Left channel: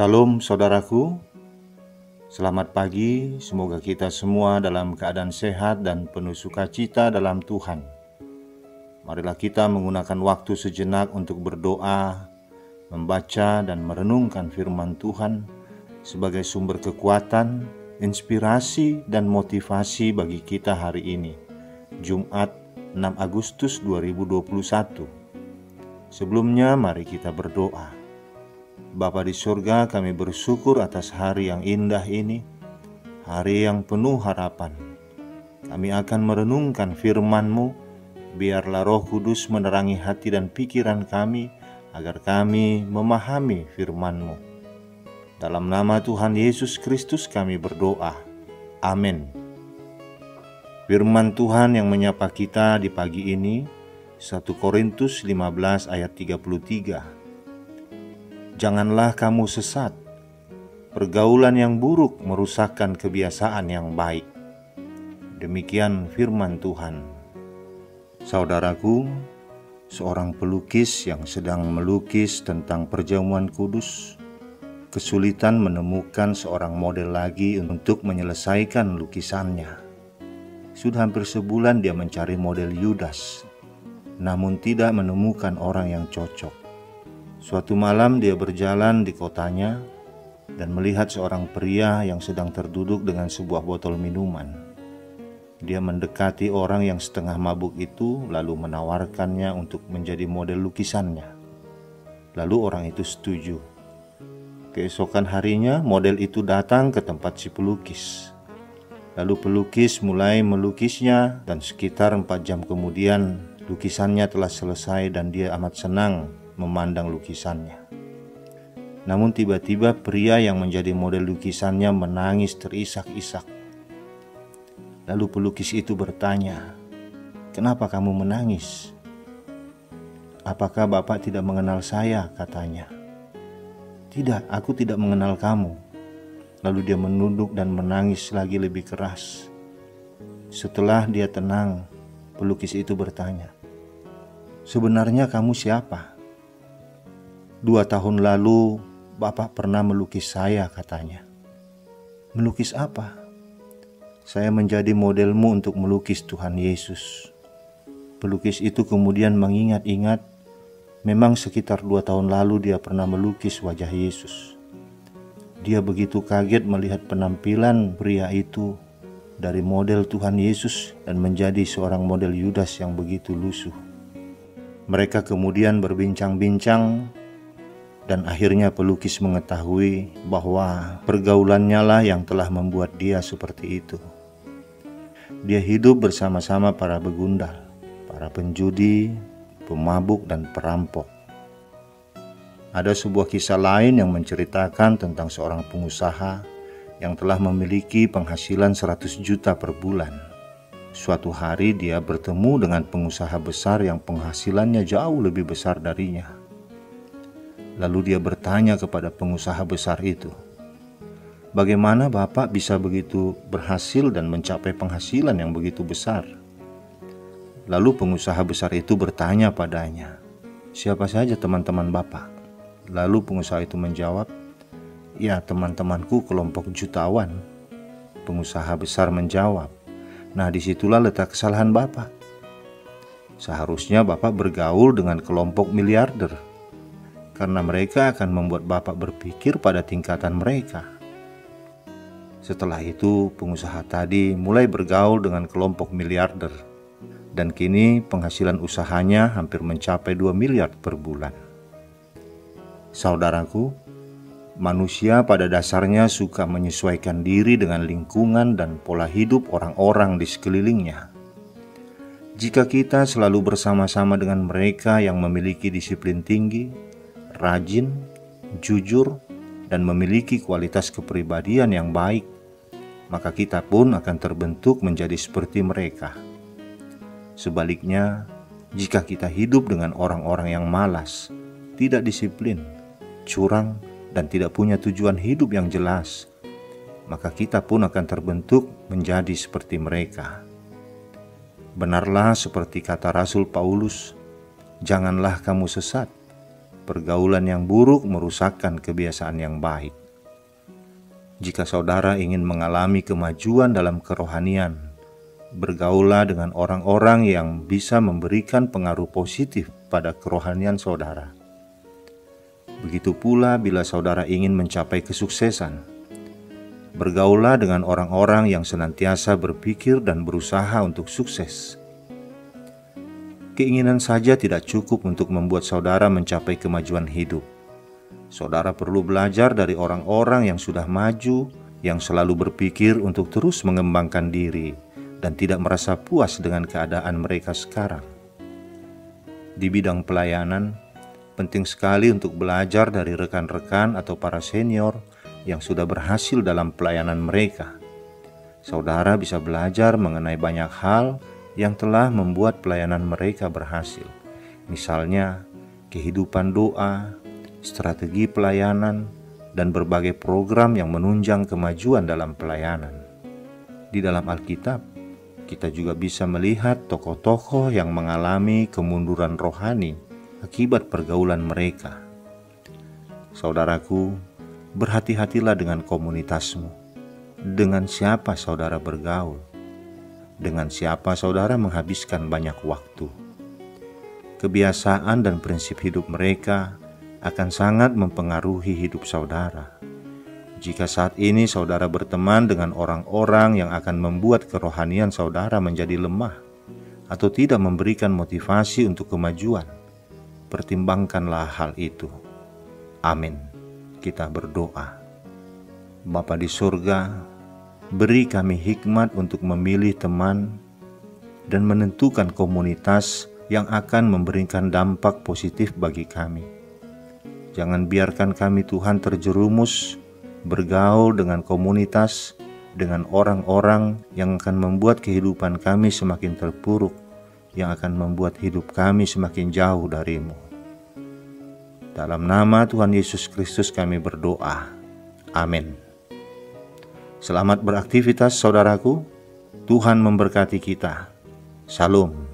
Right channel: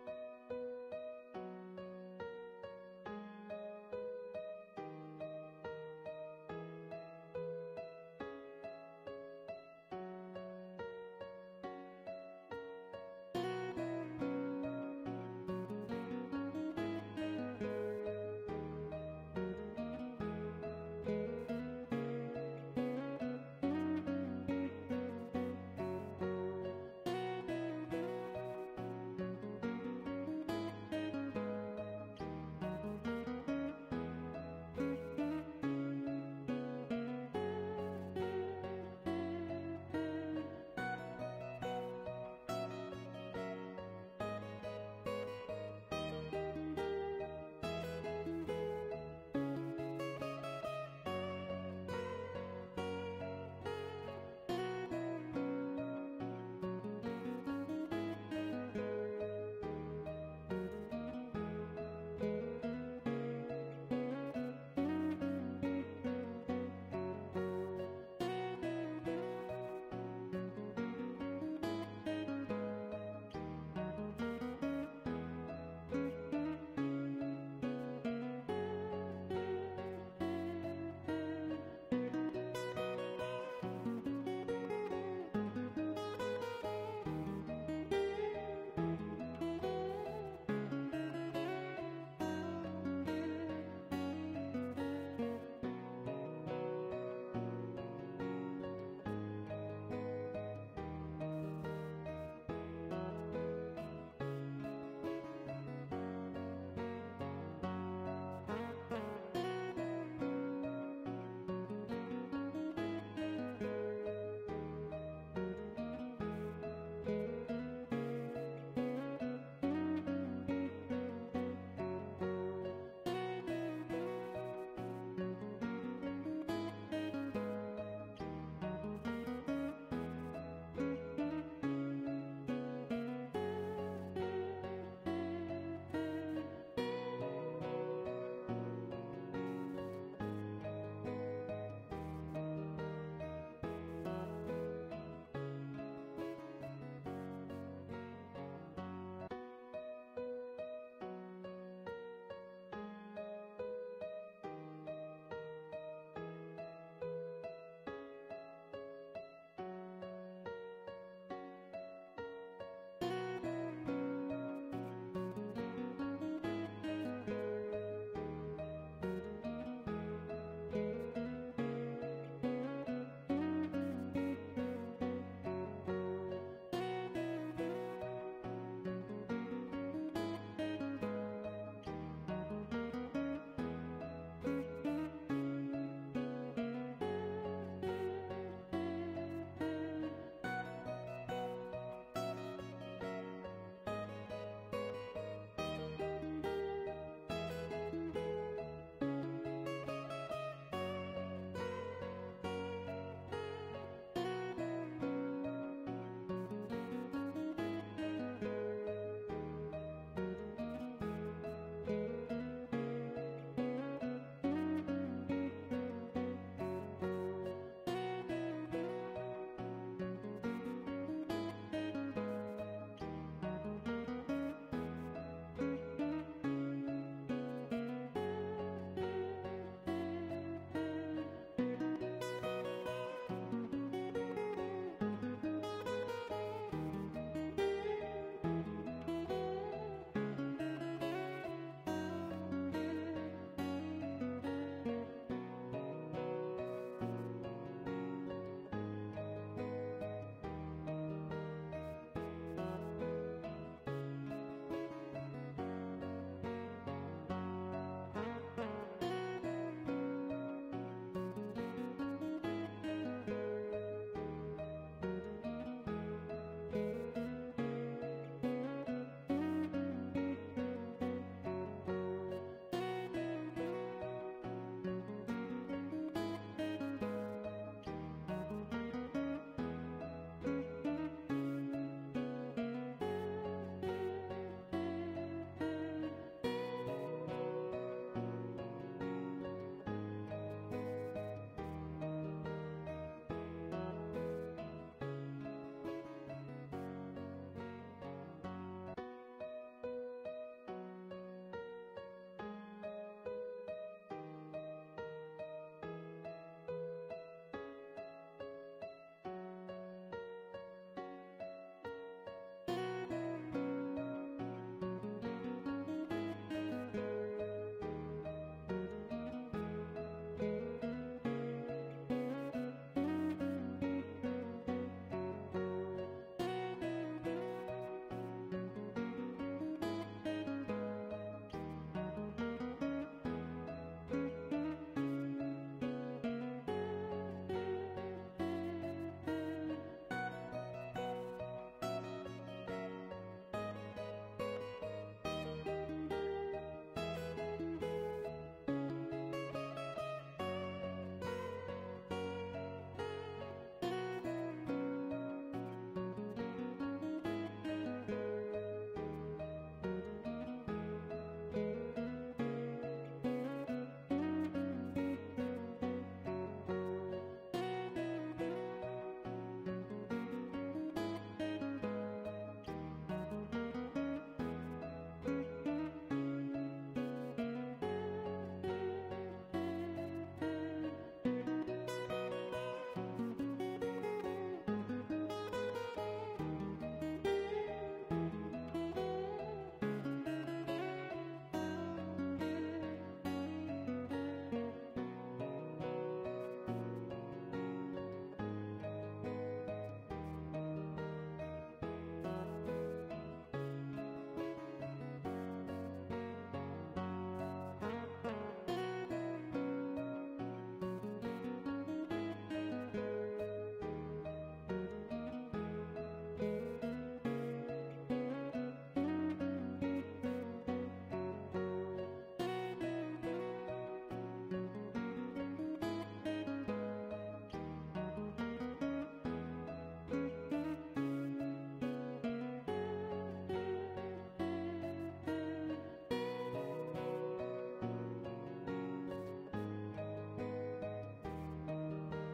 Salam saudaraku, selamat pagi, semoga kita semua dalam keadaan sehat dan penuh sukacita dalam Tuhan. Marilah kita menggunakan waktu sejenak untuk berdoa, membaca dan merenungkan firman Tuhan sebagai sumber kekuatan, inspirasi dan motivasi bagi kita hari ini, Jumat 6 Agustus 2021. Sebelumnya mari kita berdoa. Bapa di surga, kami bersyukur atas hari yang indah ini, hari yang penuh harapan. Kami akan merenungkan firman-Mu, biarlah Roh Kudus menerangi hati dan pikiran kami, agar kami memahami firman-Mu. Dalam nama Tuhan Yesus Kristus kami berdoa. Amin. Firman Tuhan yang menyapa kita di pagi ini, 1 Korintus 15 ayat 33. Janganlah kamu sesat, pergaulan yang buruk merusakkan kebiasaan yang baik. Demikian firman Tuhan. Saudaraku, seorang pelukis yang sedang melukis tentang perjamuan kudus, kesulitan menemukan seorang model lagi untuk menyelesaikan lukisannya. Sudah hampir sebulan dia mencari model Yudas, namun tidak menemukan orang yang cocok. Suatu malam dia berjalan di kotanya dan melihat seorang pria yang sedang terduduk dengan sebuah botol minuman. Dia mendekati orang yang setengah mabuk itu lalu menawarkannya untuk menjadi model lukisannya. Lalu orang itu setuju. Keesokan harinya model itu datang ke tempat si pelukis. Lalu pelukis mulai melukisnya dan sekitar 4 jam kemudian lukisannya telah selesai dan dia amat senang memandang lukisannya. Namun tiba-tiba pria yang menjadi model lukisannya menangis terisak-isak. Lalu pelukis itu bertanya, "Kenapa kamu menangis?" "Apakah Bapak tidak mengenal saya?" katanya. "Tidak, aku tidak mengenal kamu." Lalu dia menunduk dan menangis lagi lebih keras. Setelah dia tenang, pelukis itu bertanya, "Sebenarnya kamu siapa?" 2 tahun lalu Bapak pernah melukis saya, katanya. "Melukis apa?" "Saya menjadi modelmu untuk melukis Tuhan Yesus." Pelukis itu kemudian mengingat-ingat, memang sekitar 2 tahun lalu dia pernah melukis wajah Yesus. Dia begitu kaget melihat penampilan pria itu dari model Tuhan Yesus dan menjadi seorang model Yudas yang begitu lusuh. Mereka kemudian berbincang-bincang dan akhirnya pelukis mengetahui bahwa pergaulannya lah yang telah membuat dia seperti itu. Dia hidup bersama-sama para begundal, para penjudi, pemabuk dan perampok. Ada sebuah kisah lain yang menceritakan tentang seorang pengusaha yang telah memiliki penghasilan 100 juta per bulan. Suatu hari dia bertemu dengan pengusaha besar yang penghasilannya jauh lebih besar darinya. Lalu dia bertanya kepada pengusaha besar itu, "Bagaimana Bapak bisa begitu berhasil dan mencapai penghasilan yang begitu besar?" Lalu pengusaha besar itu bertanya padanya, "Siapa saja teman-teman Bapak?" Lalu pengusaha itu menjawab, "Ya, teman-temanku kelompok jutawan." Pengusaha besar menjawab, "Nah, disitulah letak kesalahan Bapak. Seharusnya Bapak bergaul dengan kelompok miliarder, karena mereka akan membuat Bapak berpikir pada tingkatan mereka." Setelah itu, pengusaha tadi mulai bergaul dengan kelompok miliarder, dan kini penghasilan usahanya hampir mencapai 2 miliar per bulan. Saudaraku, manusia pada dasarnya suka menyesuaikan diri dengan lingkungan dan pola hidup orang-orang di sekelilingnya. Jika kita selalu bersama-sama dengan mereka yang memiliki disiplin tinggi, rajin, jujur, dan memiliki kualitas kepribadian yang baik, maka kita pun akan terbentuk menjadi seperti mereka. Sebaliknya, jika kita hidup dengan orang-orang yang malas, tidak disiplin, curang, dan tidak punya tujuan hidup yang jelas, maka kita pun akan terbentuk menjadi seperti mereka. Benarlah seperti kata Rasul Paulus, "Janganlah kamu sesat, pergaulan yang buruk merusakkan kebiasaan yang baik. Jika saudara ingin mengalami kemajuan dalam kerohanian, bergaulah dengan orang-orang yang bisa memberikan pengaruh positif pada kerohanian saudara. Begitu pula bila saudara ingin mencapai kesuksesan, bergaulah dengan orang-orang yang senantiasa berpikir dan berusaha untuk sukses. Keinginan saja tidak cukup untuk membuat saudara mencapai kemajuan hidup. Saudara perlu belajar dari orang-orang yang sudah maju, yang selalu berpikir untuk terus mengembangkan diri dan tidak merasa puas dengan keadaan mereka sekarang. Di bidang pelayanan, penting sekali untuk belajar dari rekan-rekan atau para senior yang sudah berhasil dalam pelayanan mereka. Saudara bisa belajar mengenai banyak hal yang telah membuat pelayanan mereka berhasil. Misalnya, kehidupan doa, strategi pelayanan, dan berbagai program yang menunjang kemajuan dalam pelayanan. Di dalam Alkitab, kita juga bisa melihat tokoh-tokoh yang mengalami kemunduran rohani akibat pergaulan mereka. Saudaraku, berhati-hatilah dengan komunitasmu. Dengan siapa saudara bergaul? Dengan siapa saudara menghabiskan banyak waktu? Kebiasaan dan prinsip hidup mereka akan sangat mempengaruhi hidup saudara. Jika saat ini saudara berteman dengan orang-orang yang akan membuat kerohanian saudara menjadi lemah atau tidak memberikan motivasi untuk kemajuan, pertimbangkanlah hal itu. Amin. Kita berdoa. Bapa di surga, beri kami hikmat untuk memilih teman dan menentukan komunitas yang akan memberikan dampak positif bagi kami. Jangan biarkan kami Tuhan terjerumus bergaul dengan komunitas, dengan orang-orang yang akan membuat kehidupan kami semakin terpuruk, yang akan membuat hidup kami semakin jauh dari-Mu. Dalam nama Tuhan Yesus Kristus kami berdoa. Amin. Selamat beraktivitas saudaraku. Tuhan memberkati kita. Shalom.